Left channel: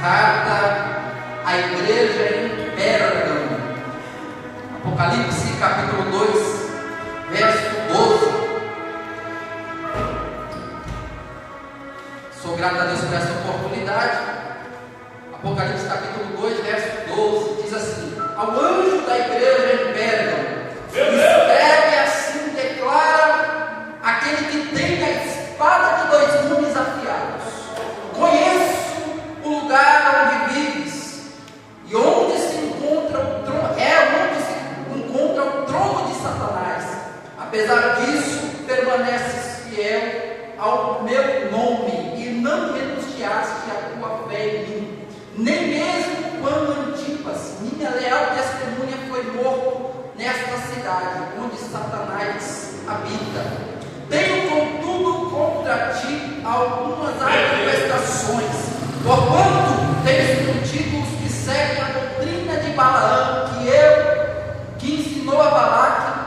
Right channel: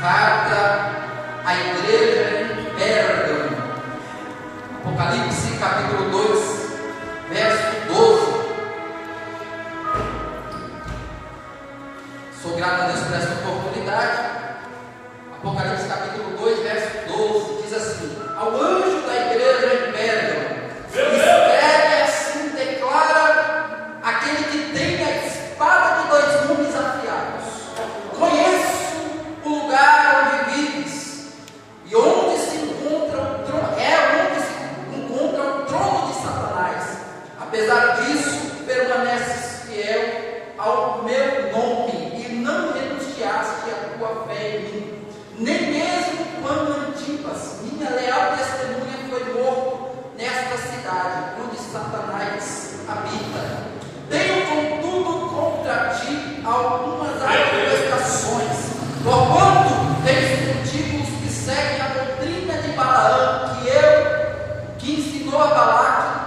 Carta à igreja em Pérgamo. Apocalipse capítulo 2, verso 12. Sou grato a Deus por essa oportunidade. Apocalipse capítulo 2, verso 12 diz assim: ao anjo da igreja em Pérgamo, escreve assim, declara aquele que tem a espada de dois gumes afiados: conheço o lugar onde vives e onde se encontra o trono, onde se encontra o trono de Satanás. Apesar disso, permaneces fiel ao meu nome e não renunciaste à tua fé em mim, nem mesmo quando Antipas, minha leal testemunha, foi morto nesta cidade onde Satanás habita. Tenho contudo contra ti algumas admoestações, porquanto tens mentido os que seguem a doutrina de Balaão, que ensinou a Balaque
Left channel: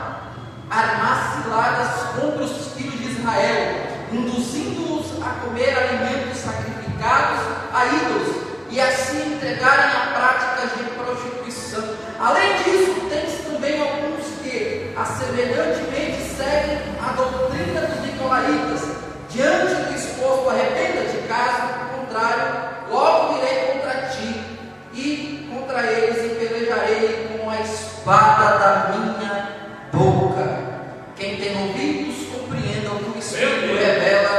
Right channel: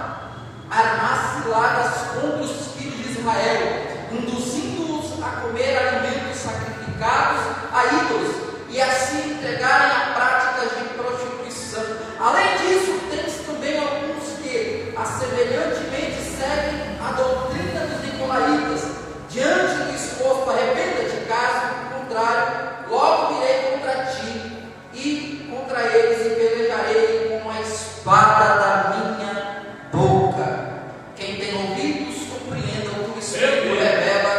a armar ciladas contra os filhos de Israel, induzindo-os a comer alimentos sacrificados a ídolos e assim entregarem a práticas de prostituição. Além disso, tens também alguns que, semelhantemente, seguem a doutrina dos nicolaítas. Diante do exposto, arrependa-te, caso contrário, logo virei contra ti e contra eles e pelejarei com a espada da minha boca. Quem tem ouvidos, compreenda o que o Espírito revela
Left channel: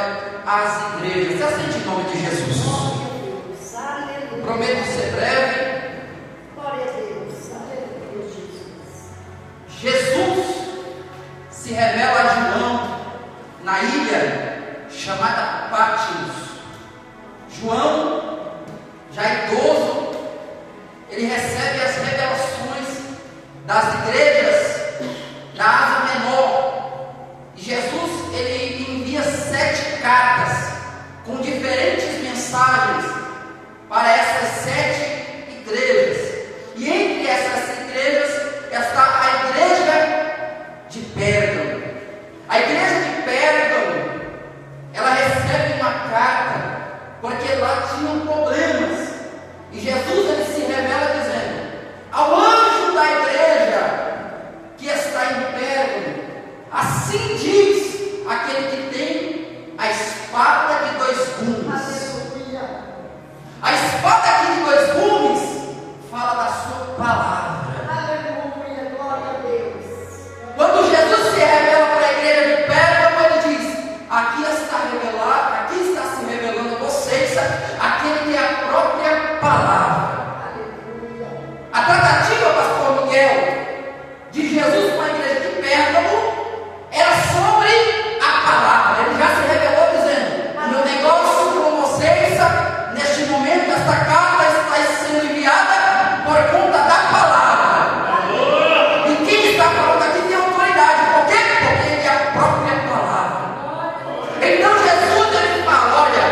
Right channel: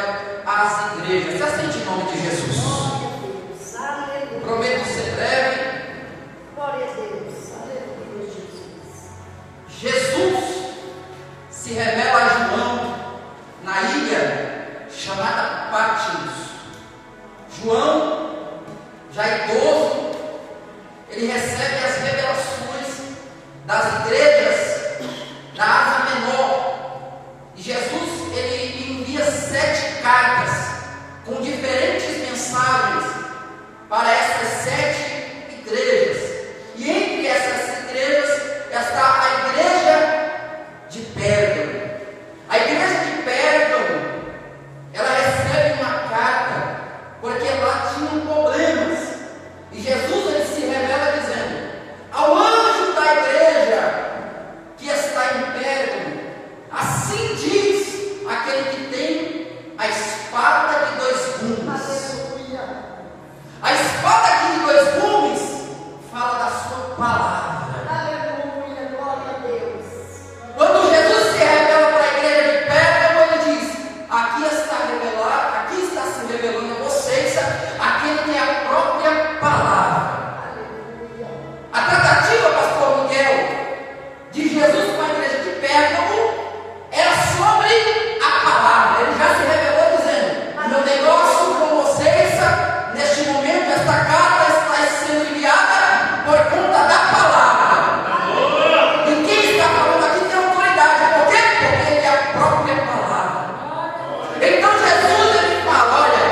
às igrejas. Assim, em nome de Jesus. Aleluia. Prometo ser breve. Glória a Deus. Aleluia, Jesus. Jesus se revela a João na ilha chamada Patmos. João, já idoso, ele recebe as revelações das igrejas da Ásia Menor. E Jesus, ele envia 7 cartas com diferentes mensagens para essas 7 igrejas. E entre essas igrejas está a igreja de Pérgamo. A igreja de Pérgamo, ela recebe uma carta porque lá tinham problemas. E Jesus, ele se revela dizendo: ao anjo da igreja que está em Pérgamo, assim diz aquele que tem a espada de 2 gumes. Aleluia. A espada aqui de 2 gumes fala da sua palavra. Aleluia. Glória a Deus. Quando Jesus se revela para a igreja de Pérgamo, ele diz: aqui está se revelando a vocês aquele que é a própria palavra. Aleluia. A tratativa, pastor Miguel, de Jesus com a igreja de Pérgamo era sobre a palavra. Ele já se revelou dizendo: o meu negócio com vocês, neste momento, esta carta está sendo enviada por conta da palavra. E quem está falando aqui tem autoridade. Por quê? Porque ele é a própria palavra. Então Jesus, ele fala: olha,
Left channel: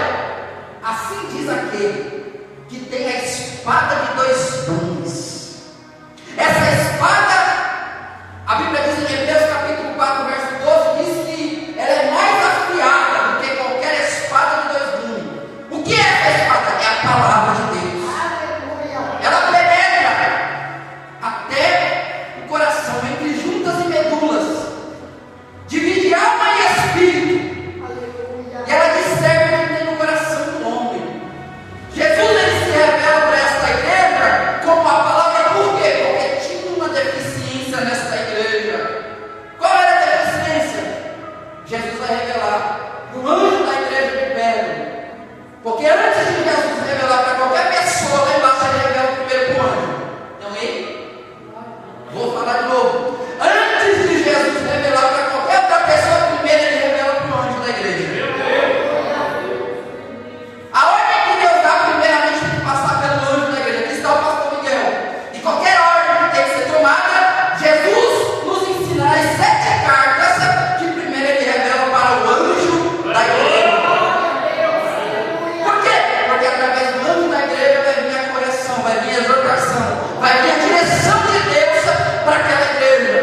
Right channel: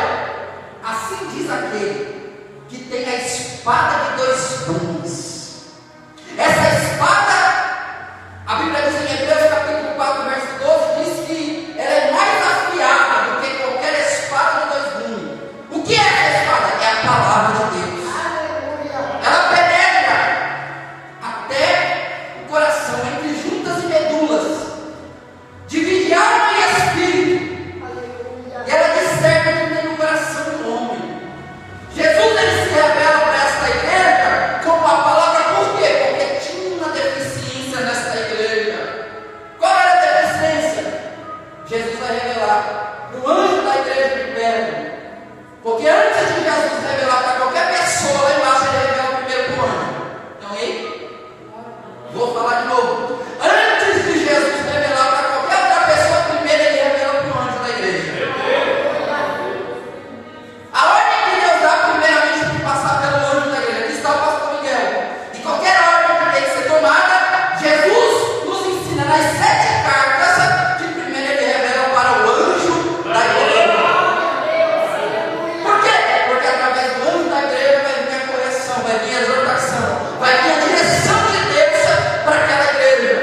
assim diz aquele que tem a espada de 2 gumes. Essa espada, a Bíblia diz em Hebreus capítulo 4, verso 12, diz que ela é mais afiada do que qualquer espada de 2 gumes. O que é essa espada? É a palavra de Deus. Aleluia. Ela penetra até o coração, entre juntas e medulas, divide alma e espírito, Aleluia. e ela discerne o que tem no coração do homem. Jesus, ele se revela para esta igreja como a palavra. Por quê? Porque tinha uma deficiência nesta igreja. Qual era a deficiência? Jesus vai revelar para o anjo da igreja de Pérgamo. Porque antes de Jesus revelar para qualquer pessoa, lá embaixo ele revela primeiro para o anjo. Não é? Vou falar de novo. Antes de Jesus revelar para qualquer outra pessoa, primeiro ele revela para o anjo da igreja. A ordem que Deus dá, primeiramente, tem que passar pelo anjo da igreja. Aqui está o pastor Miguel. E qualquer ordem que tem que ser tomada, Jesus nos ensina nas 7 cartas que primeiro ele revela para o anjo da igreja. Por quê? Porque através do anjo da igreja vai vir a correção, vai vir a exortação, vai vir a direção de Deus para aquela igreja.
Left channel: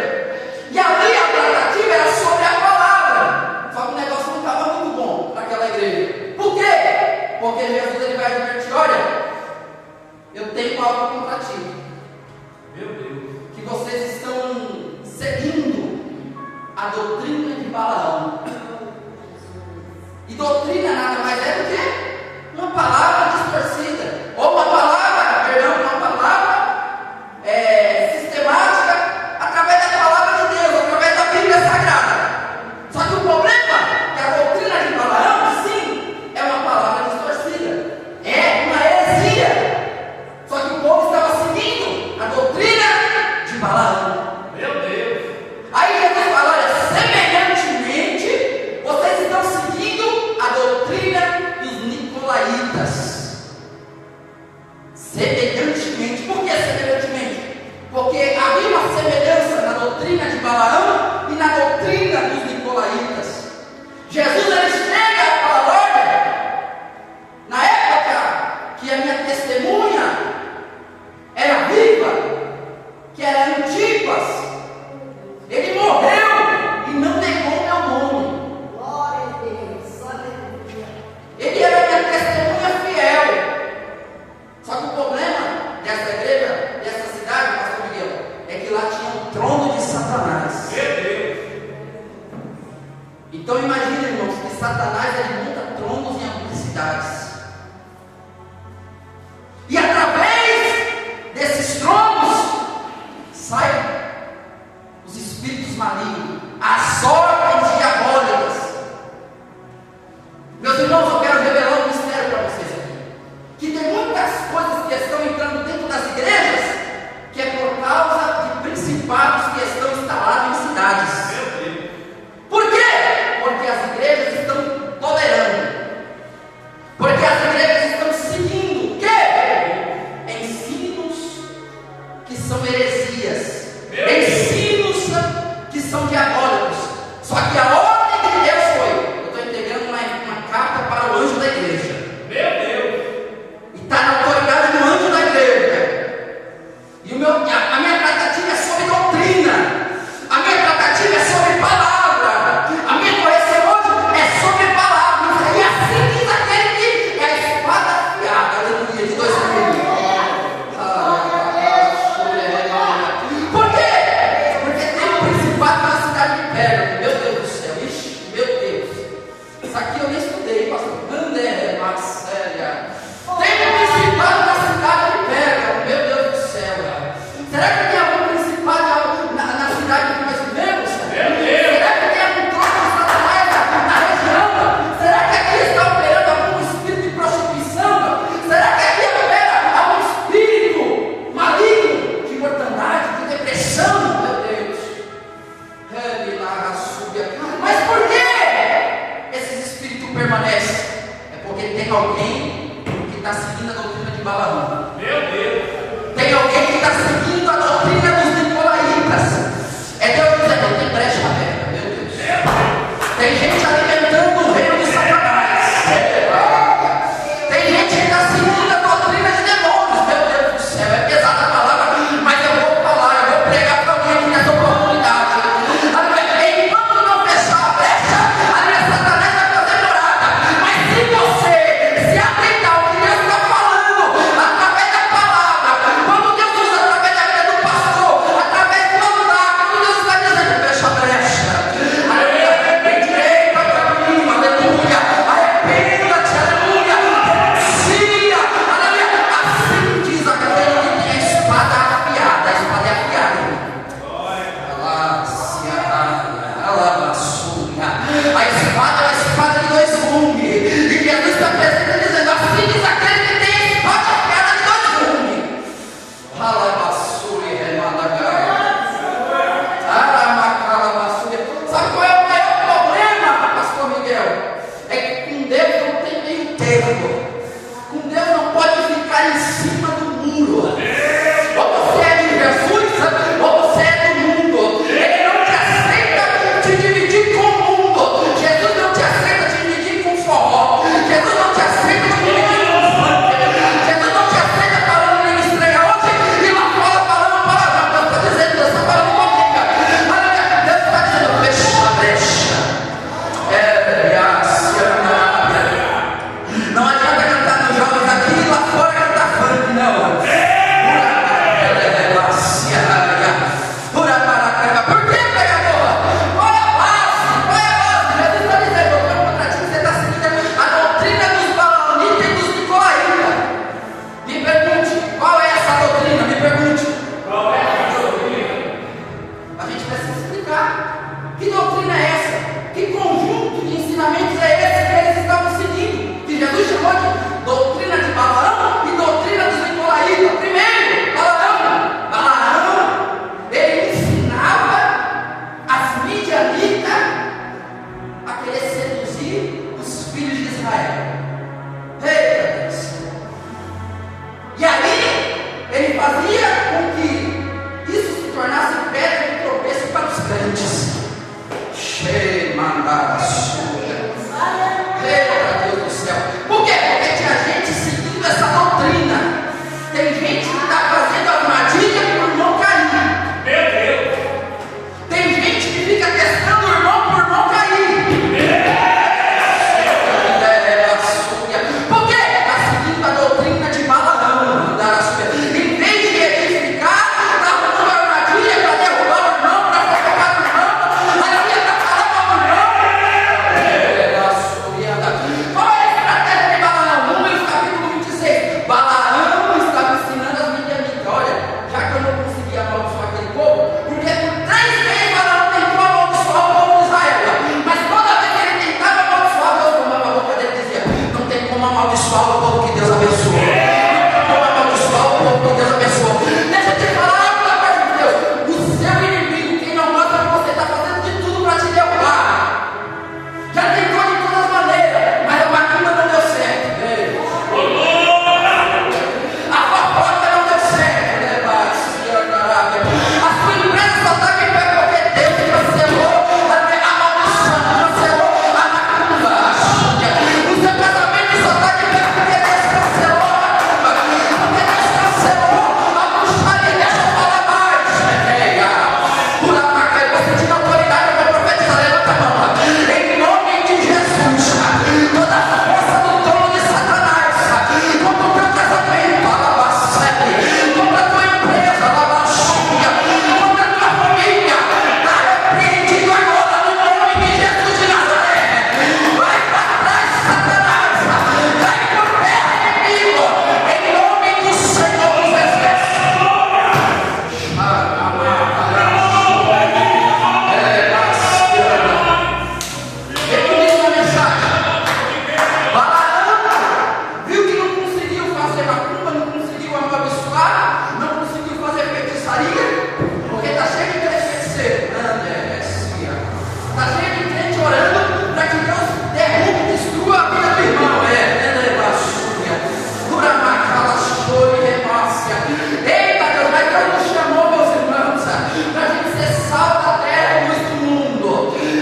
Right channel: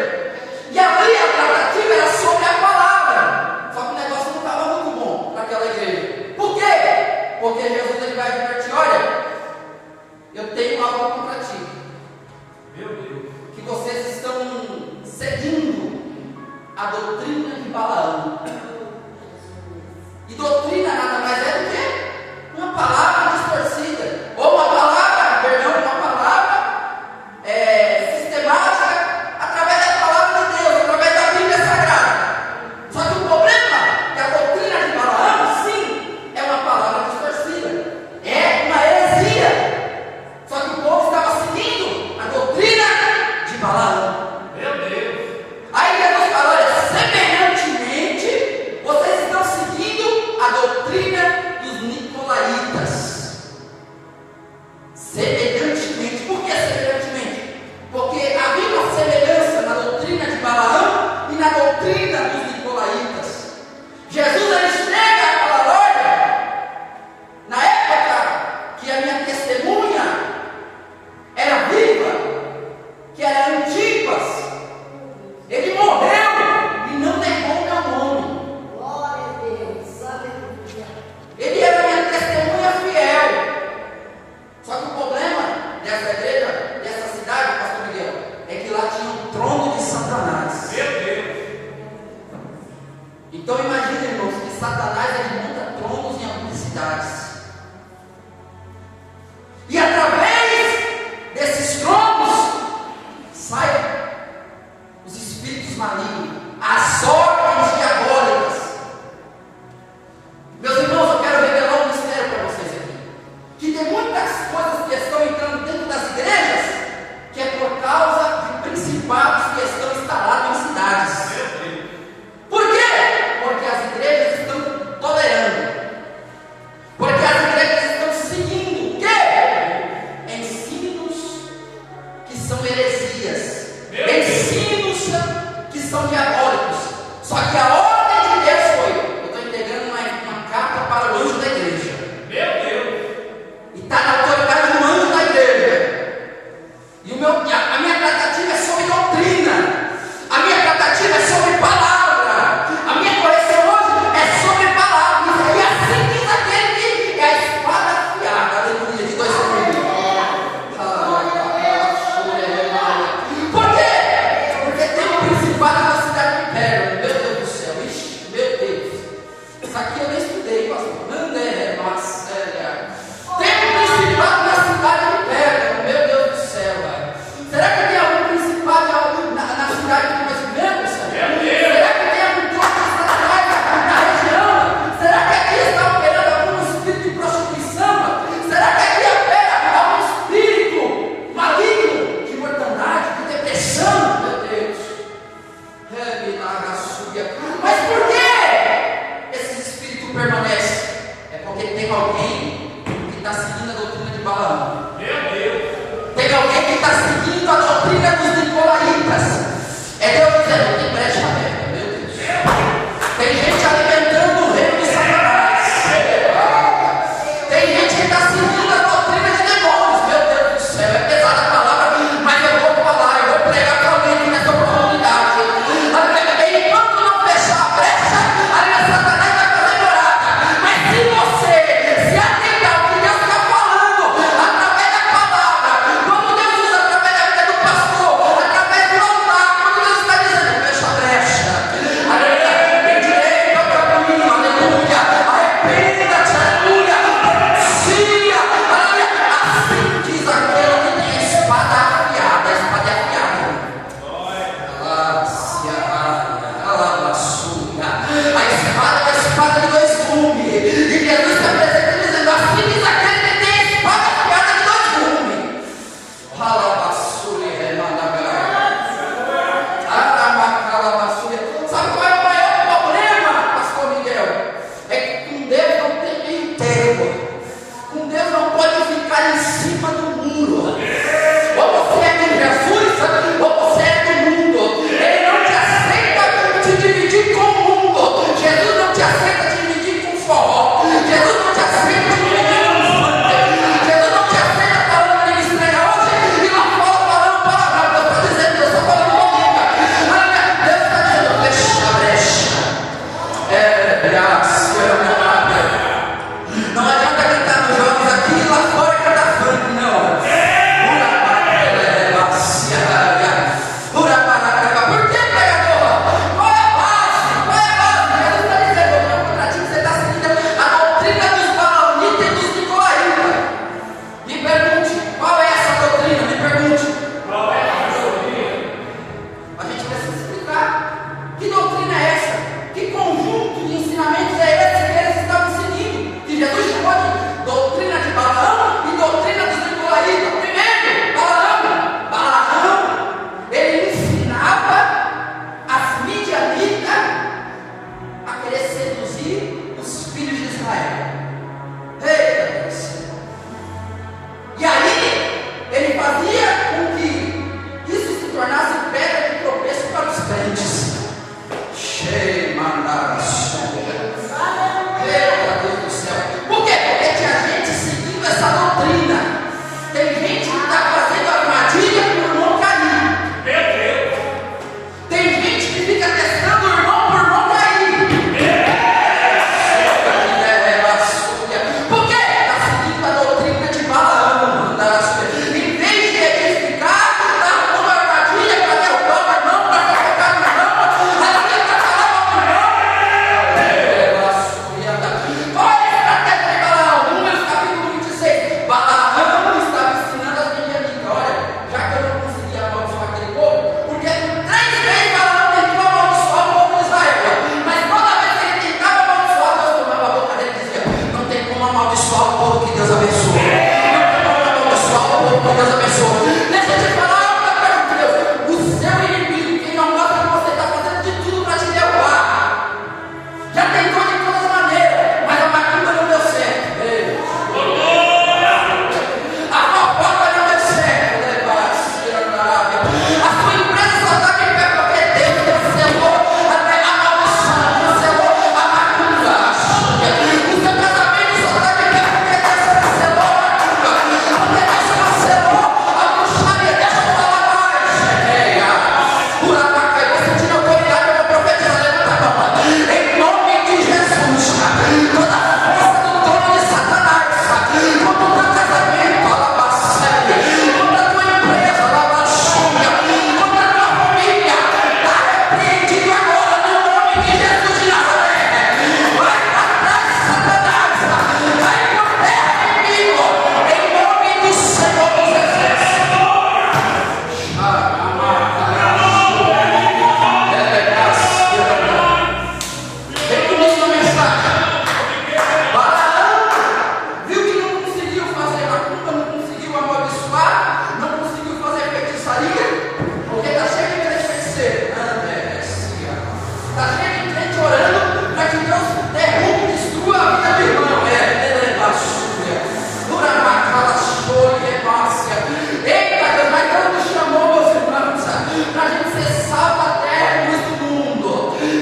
E ali a tratativa era sobre a palavra. Só que o negócio não estava muito bom para aquela igreja. Por quê? Porque Jesus, ele vai advertir: olha, eu tenho algo contra ti. Meu Deus. Que vocês estão seguindo a doutrina de Balaão. E doutrina nada mais é do que uma palavra distorcida, ou uma palavra, uma palavra sistemática, através da palavra de Deus, através da Bíblia Sagrada. Só que o problema é que a doutrina de Balaão, sim, é uma palavra distorcida, é uma heresia. Só que o povo estava seguindo a doutrina de Balaão. Meu Deus. Aí Jesus fala: olha, semelhantemente, vocês estão seguindo a doutrina dos nicolaítas. Semelhantemente. Por que semelhantemente? Porque havia uma semelhança na doutrina de Balaão e na doutrina dos nicolaítas. Jesus ele chega e fala: olha, na época que a minha testemunha era viva, que era Antipas, ele morreu e não negou meu nome. Glória a Deus. Aleluia. Ele era minha testemunha fiel. Só que o problema dessa igreja, dessa cidade, pastor Miguel, é que lá tinha um trono de Satanás. Meu Deus. Então imagine, irmãos, que Satanás ele monta tronos em algumas cidades. E através desses tronos saem os espíritos malignos, as ordens diabólicas. Meus irmãos, eu quero revelar um mistério para vocês aqui. Que tem muitas coisas que estão entrando dentro das igrejas, que é por causa de principados que estão instalados em cidades. Meu Deus. Por quê? Porque as igrejas estão tolerando. Porque as igrejas estão seguindo o quê? Ensinos que são heresias. Ensinos que são diabólicos. Só que a ordem de Deus foi: eu estou entregando uma carta para o anjo da igreja. Meu Deus. E está na autoridade do anjo da igreja. E a minha tratativa é sobre doutrina. A minha tratativa é sobre palavra. A minha correção hoje é sobre palavra. E assim diz aquele que é a espada afiada. Aleluia, de 2 mil. Por quê? Porque tem um principado na cidade de Pérgamo. Meu Deus do céu. Ixi, meu Deus. Isso aqui eu nem estudei, pastor. Tem um principado na cidade de Pérgamo. Meu Deus do céu. Será que tem algum principado na cidade que nós vivemos? Será que tem algum trono de Satanás na região? Será que aqui está operando algum espírito de prostituição? Será que aqui opera algum espírito maligno de mortandade, de depressão? Meu Deus. Mas por que esses espíritos permanecem? É porque tem alguém que está seguindo a doutrina de Balaão. Meu Deus. Tem alguém que está seguindo a doutrina dos nicolaítas. É Deus dizendo: não tem brecha aberta, meu Deus. Tem gente alimentando o reino de Satanás. Tem gente que está seguindo a doutrina de demônios. Meu Deus do céu, é pesada a palavra, mas eu vou falar, eu vou pregar para alguém aqui nessa oportunidade. Enquanto não fechar a brecha, ali Satanás vai fazer morada. Mas se você se atentar ao que Deus está falando, através da palavra, quando Deus usa através da vida do pastor, através do altar, quando Deus está dizendo: fecha a brecha, aleluia, tem direito ao caminho, aleluia, arrependa-te, aleluia, renuncia, aleluia. Assim diz aquele que tem a espada afiada. A espada é afiada. A espada é uma espada de 2 gumes. E Jesus se apresenta dizendo: assim diz aquele que tem a espada afiada de 2 gumes. Sabe qual é o maior problema, pastor Miguel? É que com Deus não tem meio termo. Com Deus não pode ficar em cima do muro. Ou você é de Jesus, ou você é do mundo. Ele não te aceita te dividir com o mundo. Jesus não te aceita te dividir com forró. Jesus não te aceita te dividir com funk. Jesus não te aceita falando em estreia hoje e lá fora falando palavrão. Deus está dizendo: Deus está falando comigo. Deus está dizendo: fecha a brecha. Não adianta como amaldiçoar o povo que Deus abençoou. Não tem como amaldiçoar o povo que Deus abençoou. Deixa eu te falar uma coisa de Deus. O seu inimigo, quem não gosta que você está fazendo de tudo para te derrubar, já tentou de todas as maneiras, mas a macumba não deu certo. A fofoca não deu certo, né? A sua empresa só está aqui pé porque Deus cancelou a maldição, cancelou a macumba. O seu casamento só está aqui pé porque Deus cancelou a macumba. Porque Deus cancelou a bruxaria. Deixa eu falar mais. Você tinha autoridade para profetizar, levanta a mão. Em nome de Jesus, toda a força do trono de Satanás contra o teu casamento, contra a tua empresa, contra a tua família, está repreendido agora no nome de Jesus de Nazaré. Vai para trás, Satanás, cai por terra, inimigo, em nome do Senhor dos Exércitos. Vem comigo na mensagem. Balaão viu que não conseguiu fazer macumba, não conseguiu amaldiçoar, não conseguiu fazer feitiçaria, porque está cheio de crente feiticeiro. Está cheio de gente orando para que Deus derrube e destrua a vida do irmão. Eita Deus, mas Deus nos chamou, meus irmãos, para a gente ser sal da terra e luz do mundo.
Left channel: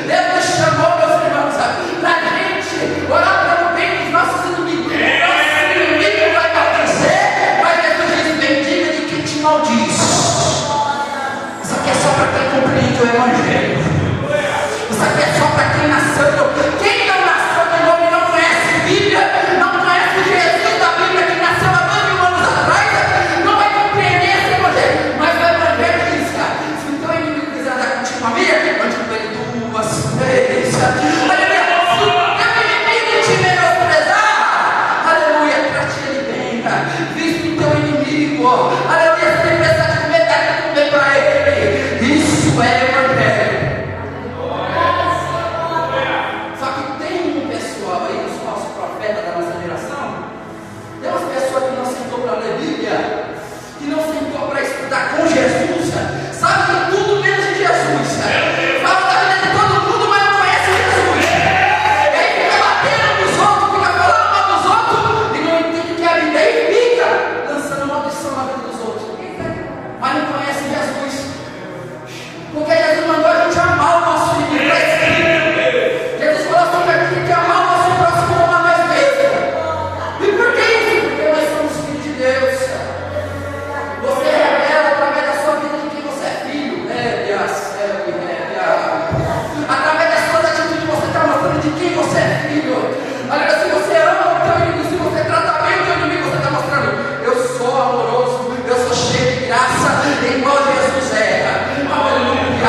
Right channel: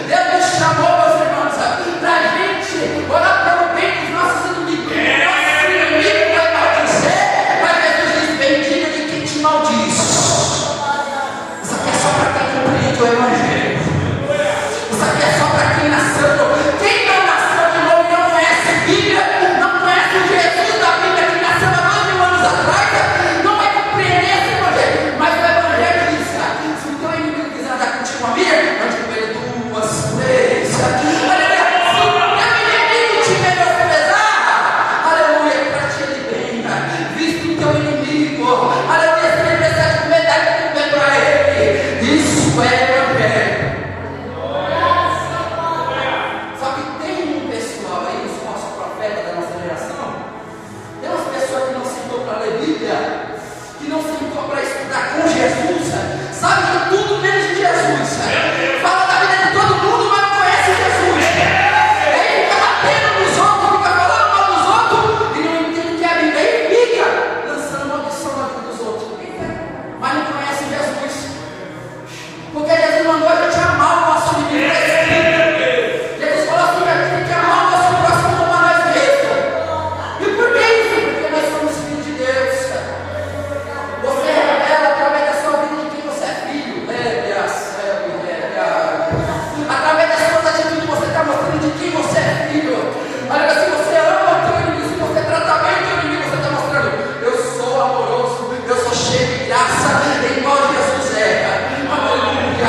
Deus nos chamou, meus irmãos, para a gente orar pelo bem dos nossos inimigos. Nosso inimigo vai maldizer, mas Jesus diz: bendiga de quem te maldiz. Isso aqui é só para quem compreende o Evangelho. Isso aqui é só para quem nasceu. Quem não nasceu de novo e não conhece a Bíblia, não conhece o Jesus da Bíblia que nasceu há 2000 anos atrás, não vai compreender esse Evangelho. Mas o Evangelho diz: se o teu inimigo quiser andar contigo, família, ande com ele 2, 3. Aleluia. Se o teu inimigo te menosprezar, aleluia, trate ele bem. Viste o teu inimigo, aleluia. Se ele precisar de comer, dá de comer para ele. Isso é Evangelho. Só que tem um pessoal aí, os falsos profetas da nossa geração, tem umas pessoas que não sentou para ler Bíblia, que não sentou para estudar com Jesus, sabe de tudo menos de Jesus. Fala da vida de todo mundo, mas não conhece Jesus. Ele fica batendo nos outros, fica falando mal dos outros, e não entende que é a Bíblia, e fica lançando maldição na vida dos outros, mas não conhece Jesus. Porque Jesus mandou a gente amar o nosso inimigo. Jesus falou assim: que a gente tem que amar o nosso próximo como a nós mesmos. E por que isso? Porque nós somos filhos de Deus. Você revela através da sua vida de quem você é filho. Através das suas atitudes você está mostrando de quem você é filho. Olha, se você ama o teu inimigo, se você trata bem o teu inimigo, você está mostrando: eu sou amoroso, eu sou cheio de graça, igual Jesus é. Aleluia.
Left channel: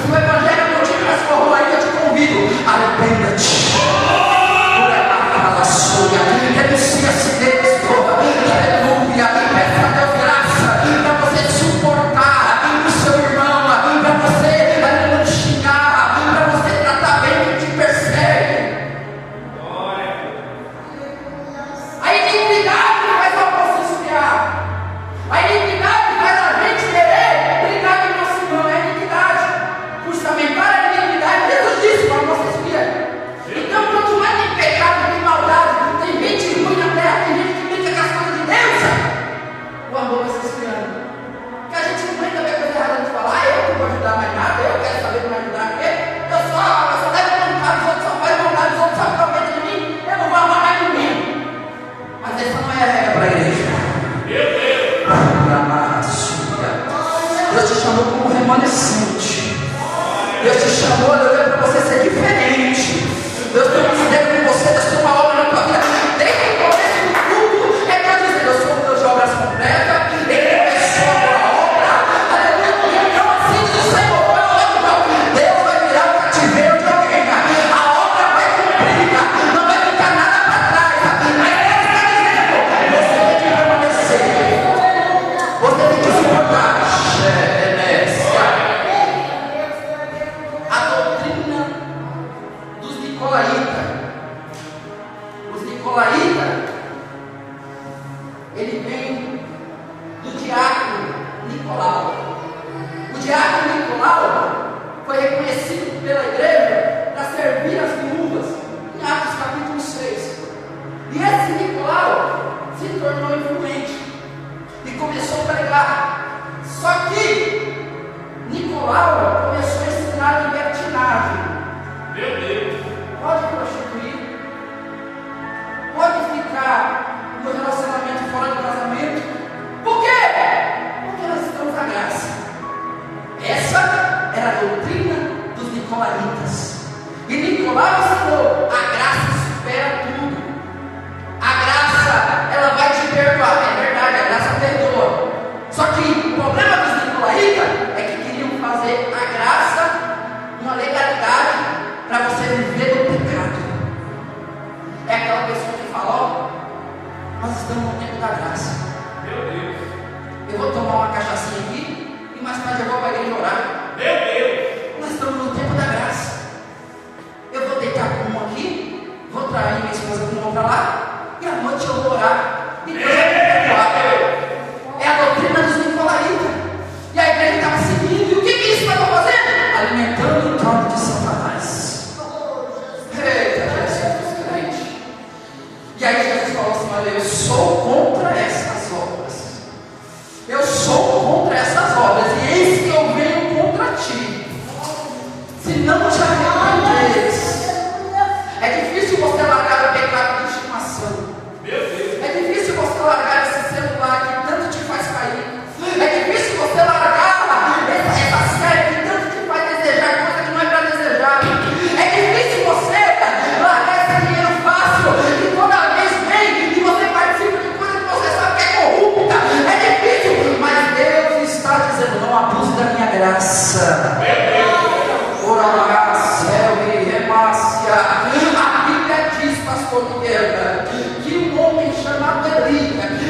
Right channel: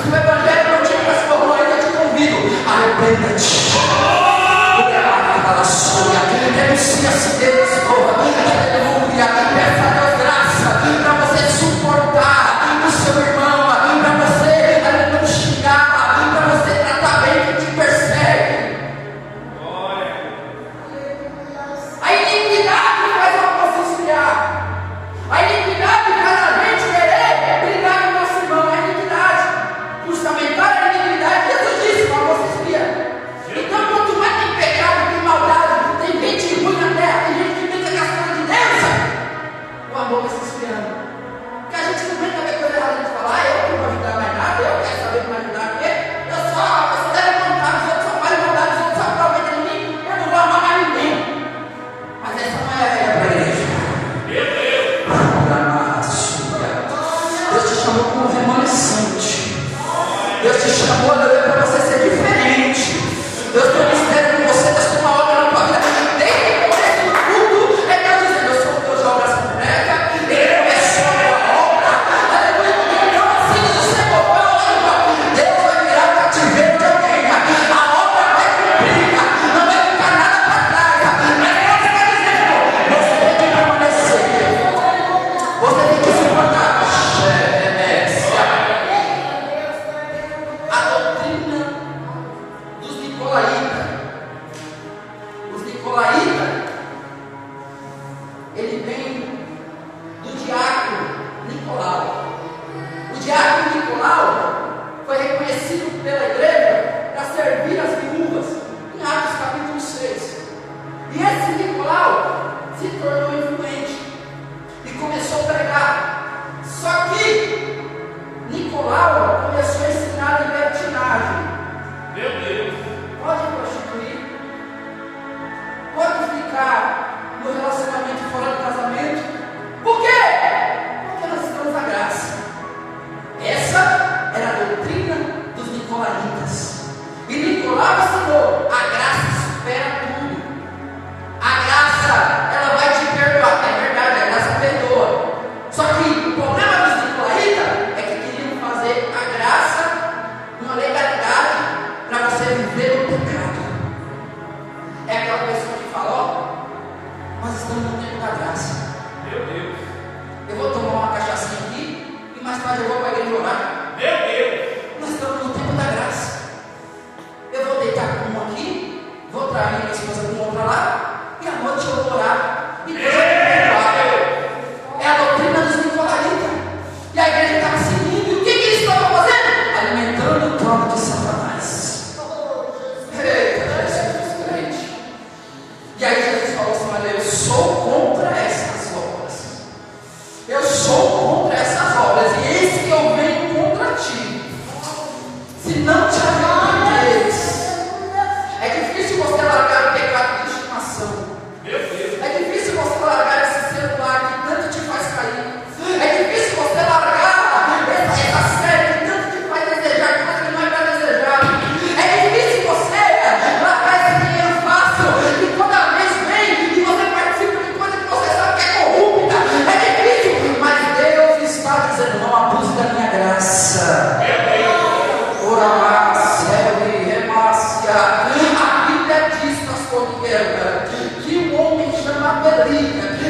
Se o Evangelho não te transformou ainda, eu te convido: arrependa-te. Renuncia-se deles, aleluia. Peça a Deus graça para você suportar o seu irmão, para você não xingar, para você tratar bem quem te persegue. A iniquidade faz o povo esfriar. A iniquidade faz a gente querer brigar com o nosso irmão. É a iniquidade. Fundamental é a iniquidade. Jesus disse para você esfriar. Então, quanto mais tem pecado, tem maldade, tem gente ruim na terra, tem gente que brinca com as coisas de Deus, o amor vai se esfriando. Porque a gente não brinca com a coisa errada de falar: eu não vou ajudar mais nada, eu quero saber de me ajudar. Eu só levo vontade dos outros, só faz vontade dos outros, só aproveita de mim, eu não vou amar mais ninguém. Mas essa não é a regra para a igreja. Deus te chamou como remanescente. Deus te chamou, aleluia, para você ser diferente. Deus tem um mistério com você, Deus tem uma obra na tua vida. Desde o começo do culto, é Deus dizendo: eu sou o Deus de obras completas. Ele começou a obra, aleluia. Então, assim diz o Senhor: Deus vai virar o cativeiro de alguém. A obra vai cumprir, não vai ficar nada para trás. Mas Deus está dizendo: você tem que permanecer, você tem que suportar. A doutrina Nicolaitas, ele vem do diácono Nicolau. O diácono Nicolau foi reconhecido pela igreja para servir as viúvas, em Atos capítulo 6. E esse Nicolau se tornou influente e começou a pregar. Só que Nicolau começou a ensinar libertinagem. Meu Deus. Pode prostituir, pode ficar no relacionamento fora do casamento. Por quê? Porque nós estamos à graça. Essa era a doutrina dos nicolaítas. E Nicolau ensinou: a graça supera tudo. A graça, ela vai te perdoar. É verdade, a graça perdoa. Só que o problema dos nicolaítas é que queriam fazer a graça uma legalidade para você viver no pecado. É aquela pessoa que fala: ó, nós estamos no tempo da graça. Meu Deus. Eu vou tomar uma cachaçinha aqui e mais tarde eu vou para a igreja orar. Meu Deus. Nós estamos no tempo da graça. Eu vou deitar com uma aqui, vou trair minha esposa com outra lá, e à noite eu vou orar. E Deus vai me perdoar. É a doutrina dos nicolaítas. E a igreja estava seguindo. E o que eles estavam fazendo? Alimentando o trono de Satanás. Eita, Jesus crente. E aí Jesus falou assim: olha, eu sou contra essas obras. Eu sou contra essas obras. E eis que eu venho contra ti. Se não te arrependeres. É difícil você largar o pecado de estimação. Meu Deus. É difícil você largar esse celular que tanto te faz cair. É difícil você largar essa série que tanto te faz desejar coisa que não é para desejar. É difícil você largar esse dinheiro fácil que toda vez vem e você participa de coisa que você sabe que é corrupta. É difícil, mas Deus está dizendo: não abuse da minha graça. Meu Deus. A Bíblia diz, pastor Miguel, que um homem chamado Eli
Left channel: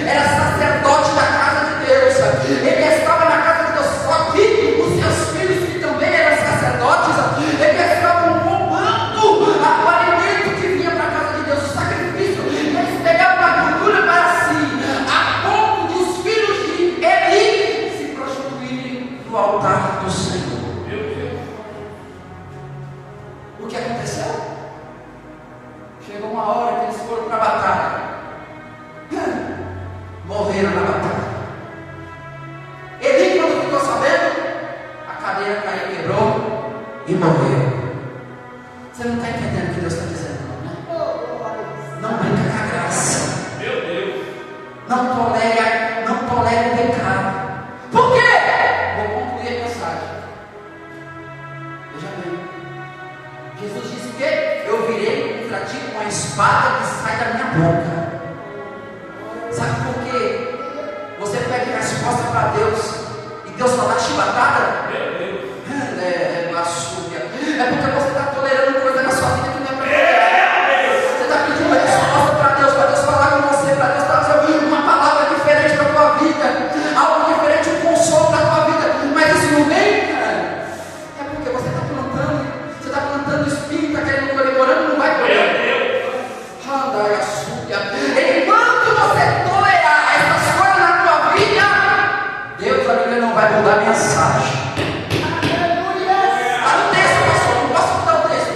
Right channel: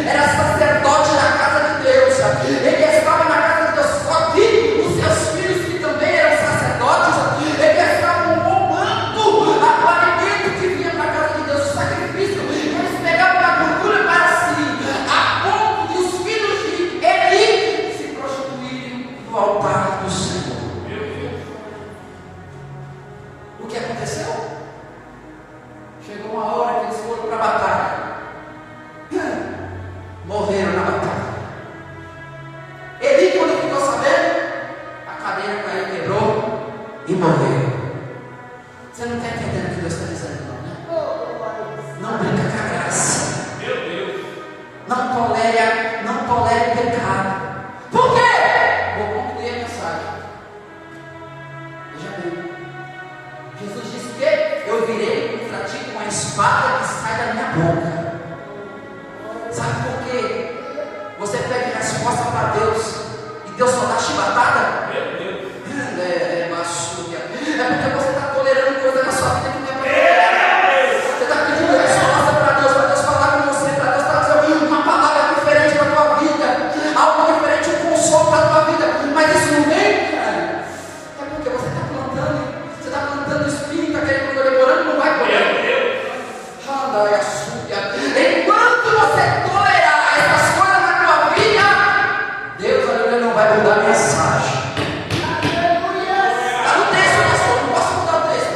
era sacerdote da casa de Deus. Ele estava na casa de Deus, só que os seus filhos, que também eram sacerdotes, eles estavam roubando o alimento que vinha para a casa de Deus, o sacrifício. Eles pegavam a gordura para si, a ponto de os filhos de Eli se prostituírem no altar do Senhor. O que aconteceu? Chegou uma hora que eles foram para a batalha. Morreram na batalha. Eli, quando ficou sabendo, a cadeira caiu, quebrou e morreu. Você não está entendendo o que Deus está dizendo, não, né? Não brinca com a graça. Meu Deus. Não tolere o pecado. Por quê? Vou concluir a mensagem. Veja bem. Jesus disse que eu virei contra ti com a espada que sai da minha boca. Sabe por quê? Você pede resposta para Deus e Deus só dá chibatada? Meu Deus. É porque você está tolerando coisa na sua vida que não é para tolerar. Você está pedindo resposta para Deus falar com você, para Deus trazer uma palavra diferente para a tua vida, algo diferente, um consolo para a tua vida. Mas isso não vem, cara. É porque você está plantando o espírito, aquele que está demorando, não vai colher. Enquanto você tolerar essas coisas na tua vida, Deus ainda não vai mudar a mensagem. Está no texto, pastor, não posso mudar o texto.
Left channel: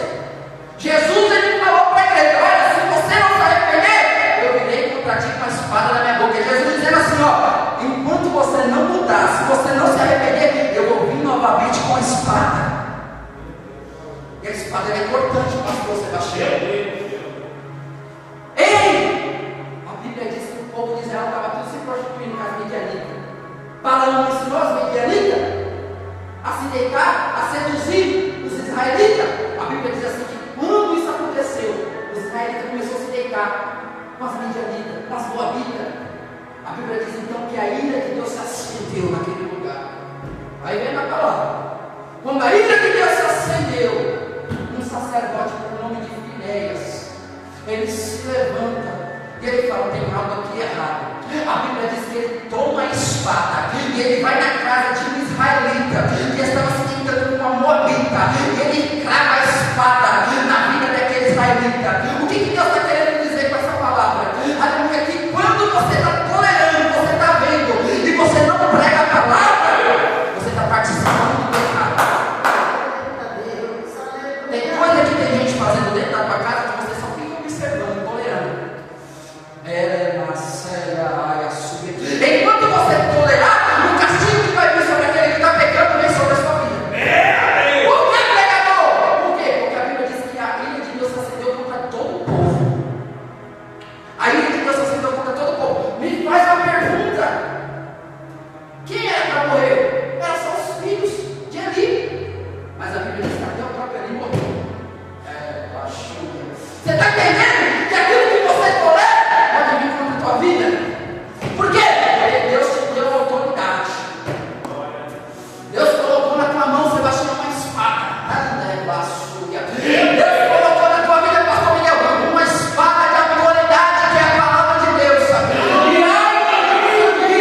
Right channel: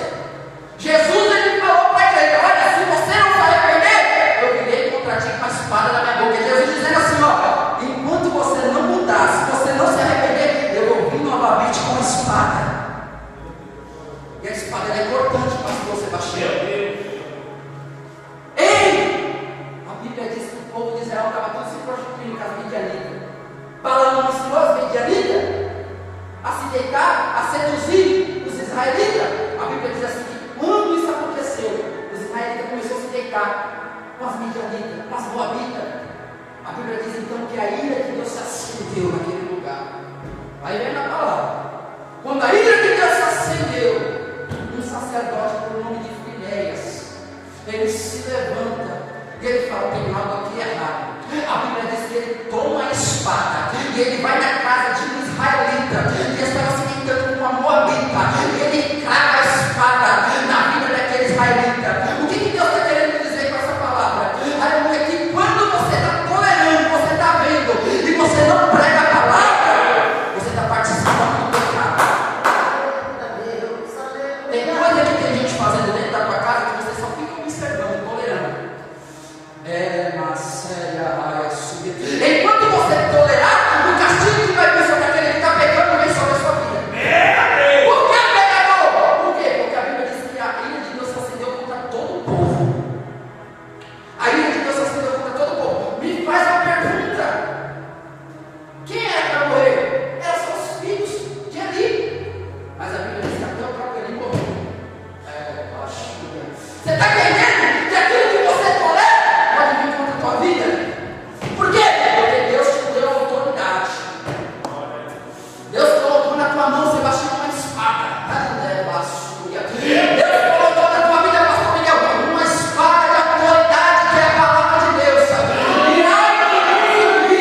Jesus, ele falou para a igreja: olha, se você não se arrepender, eu virei contra ti com a espada na minha boca. Jesus dizendo assim: ó, enquanto você não mudar, se você não se arrepender, eu vou vir novamente com a espada. E a espada é cortante, pastor Sebastião. Ei! A Bíblia diz que o povo de Israel estava tudo se prostituindo com as midianitas. Balaão ensinou as midianitas a se deitar, a seduzir os israelitas. A Bíblia diz assim que quando isso aconteceu, os israelitas começaram a se deitar com as midianitas, com as moabitas. A Bíblia diz então que a ira de Deus se acendeu naquele lugar. Aí vem a palavra. Quando a ira de Deus se acendeu, um sacerdote por nome de Finéias, ele se levanta e ele fala: tem algo aqui errado. A Bíblia diz que ele toma a espada e ele vai na casa de um israelita que estava se deitando com uma moabita, e ele crava a espada na vida daquele israelita. O que Deus está querendo dizer com essa palavra? Enquanto você tolerar, o castigo que vai vir sobre aquele que está pecando vem sobre a sua vida. Por que pecador? Por quê? Porque a Bíblia diz que a ira de Deus se acendeu contra todo o povo. A ira de Deus se acendeu contra todo o povo. Me faz uma pergunta: quem era para morrer? Eram só os filhos de Eli. Mas a Bíblia diz que até o próprio Eli morreu. Você está entendendo que aquilo que você tolera pode vir contra a tua vida? Por quê? Porque Deus te deu autoridade. Deus colocou na tua mão, Sebastião, uma espada. Deus colocou na tua vida, pastor Miguel, uma espada de autoridade, que é a palavra de Deus. E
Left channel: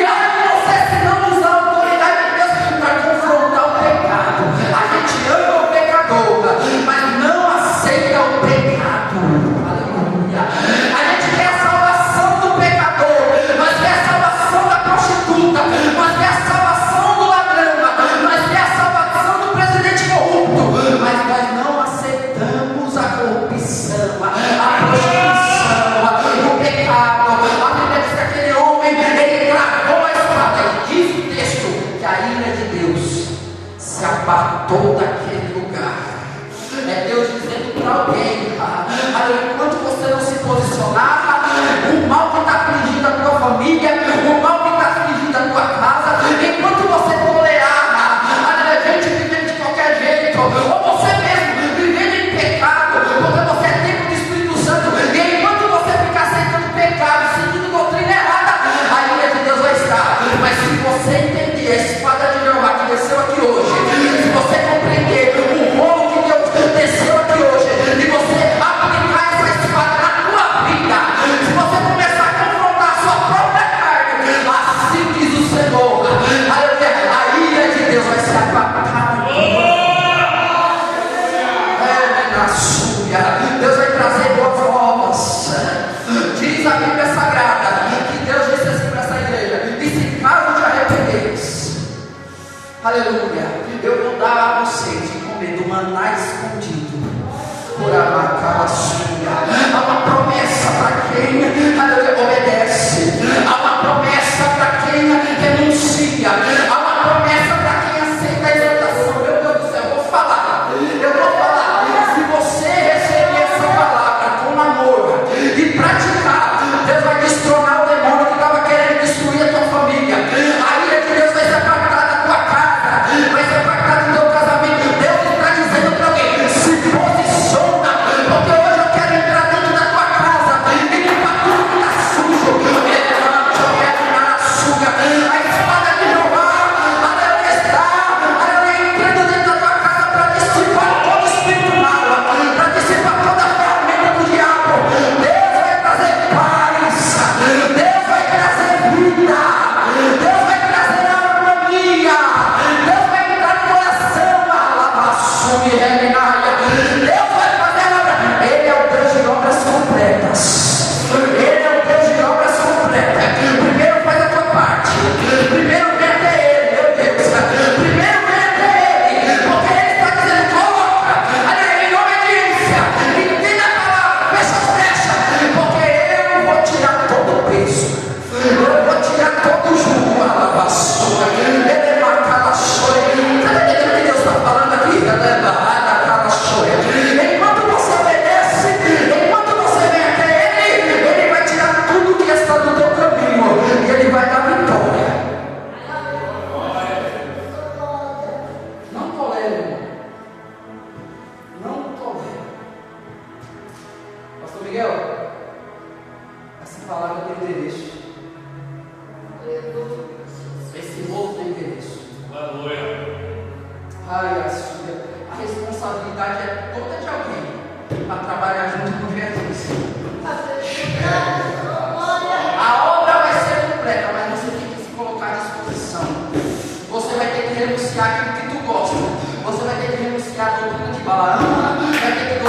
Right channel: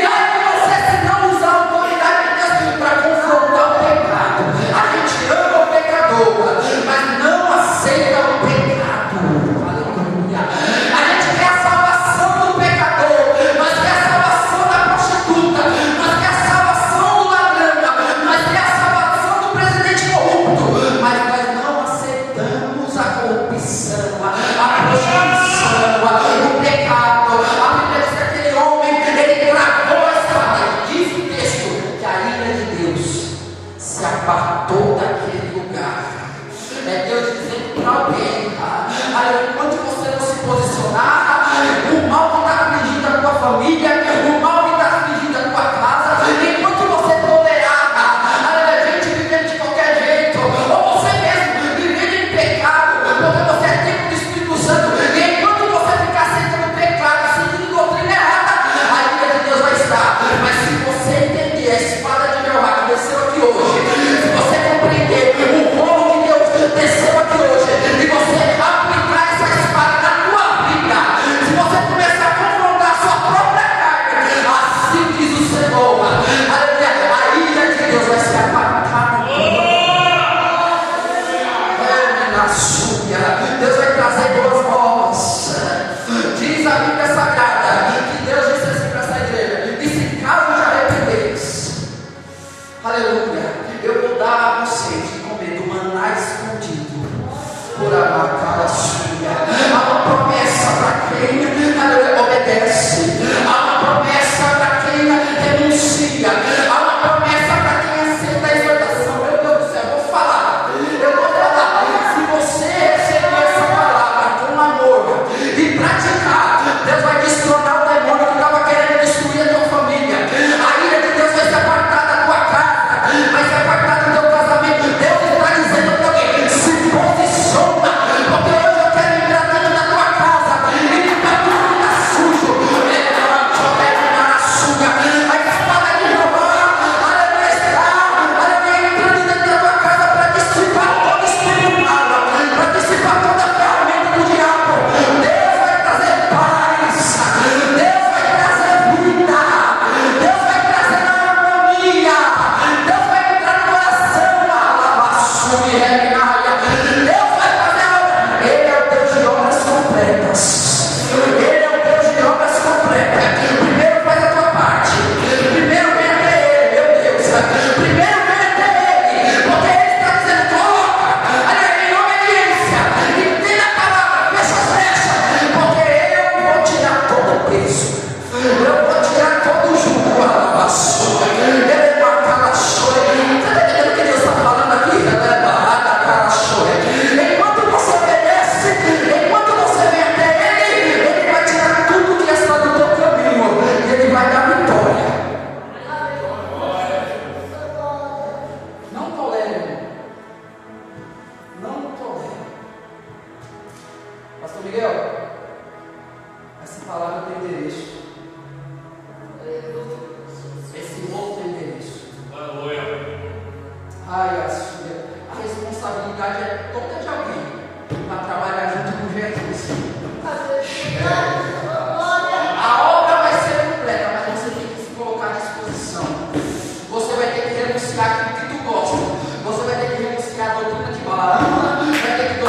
ai de você se não usar a autoridade de Deus para confrontar o pecado. A gente ama o pecador, mas não aceita o pecado. Aleluia. A gente quer a salvação do pecador, mas quer a salvação da prostituta, mas quer a salvação do ladrão, mas quer a salvação do presidente corrupto, mas nós não aceitamos a corrupção, a prostituição, o pecado. A Bíblia diz que aquele homem, ele gravou a espada, e diz o texto que a ira de Deus se apartou daquele lugar. É Deus dizendo para alguém: enquanto você não se posicionar, o mal que está afligindo a tua família, o mal que está afligindo a tua casa, enquanto você tolerar, gente vivendo de qualquer jeito, ou você mesmo vivendo em pecado, porque você é templo do Espírito Santo, e enquanto você ficar aceitando pecado, seguindo doutrina errada, a ira de Deus vai estar. Mas se você entender a espada de Jeová que desceu aqui hoje, se você compreender o rolo que Deus desceu aqui hoje, e você aplicar essa espada na tua vida, se você começar a confrontar a sua própria carne, assim diz o Senhor, aleluia, a ira de Deus vai se apartar na tua vida. Deus vai trazer boas novas. Diz a Bíblia Sagrada que Deus disse assim para essa igreja: e se caso te arrependeis, aleluia, eu vou dar a vocês de comer do maná escondido por amar sua. Há uma promessa para quem obedece, há uma promessa para quem renuncia, há uma promessa para quem aceita a exortação. Meu Deus do céu, eu vou falar. Se você receber essa palavra com amor e praticar, Deus vai destronar o demônio que estava querendo destruir a tua família. A ira de Deus vai se apartar da tua casa, vai se apartar do teu casamento. Deus está dizendo para alguém: se posiciona, porque hoje eu quero entrar dentro da tua casa e limpar tudo que está sujo. A espada de Jeová, aleluia, está entrando dentro da tua casa para dissipar todo espírito mal, para dissipar toda a ferramenta do diabo. Deus vai trazer paz, Deus vai trazer vida, Deus vai trazer harmonia, Deus vai entrar no coração, Deus vai fazer a obra. Ele é o Deus de obras completas. Ele é o Deus de obras completas. Primeiro faz a tua parte, primeiro vem até Ele, meu Deus, primeiro vem até Ele, porque Ele está dizendo: coloca, em obediência, entenda a palavra, fecha as brechas, porque eu vou tirar todo o peso, eu vou tirar todo o jugo. Ele mata a chore. Você está entendendo o que Deus está falando aqui? Enquanto você obedece, enquanto você vem até Ele, Ele vai tirar tudo que está do teu caminho e Ele vai dar vitória. Não tolere, não tolere. Pastor Miguel, essa palavra tem endereço. Esse rolo tem endereço. A responsabilidade é toda de alguém para trabalhar junto com Jesus. A obra vai ser completa, mas você tem que se colocar à disposição. Você vai ter que renunciar aquilo que tu gosta. Você vai ter que renunciar a doutrina de Balaão, vai ter que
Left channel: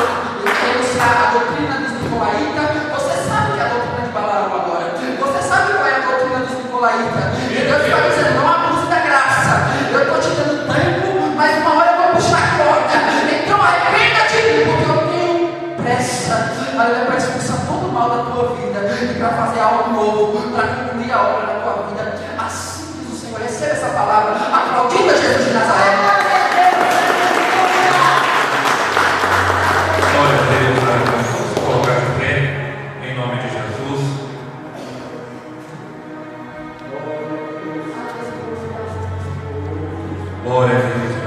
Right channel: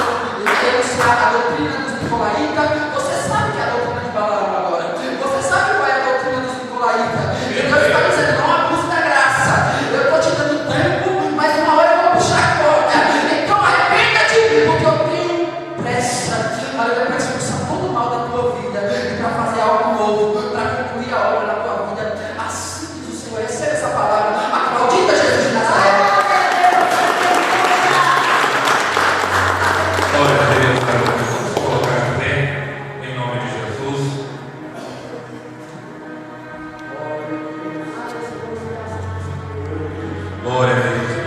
renunciar a doutrina dos Nicolaitas. Você sabe que é a doutrina de Balaão agora. Você sabe qual é a doutrina dos Nicolaitas. E Deus está dizendo: não abuse da graça. Eu estou te dando tempo, mas uma hora eu vou puxar a corda. Então arrependa-te, porque eu tenho pressa para expulsar todo o mal da tua vida e para fazer algo algo novo, para concluir a obra na tua vida. Assim diz o Senhor. Recebe essa palavra. Aplaudida Jesus de Nazaré. Glória a Deus, vamos colocar de pé, em nome de Jesus. Glória a Deus.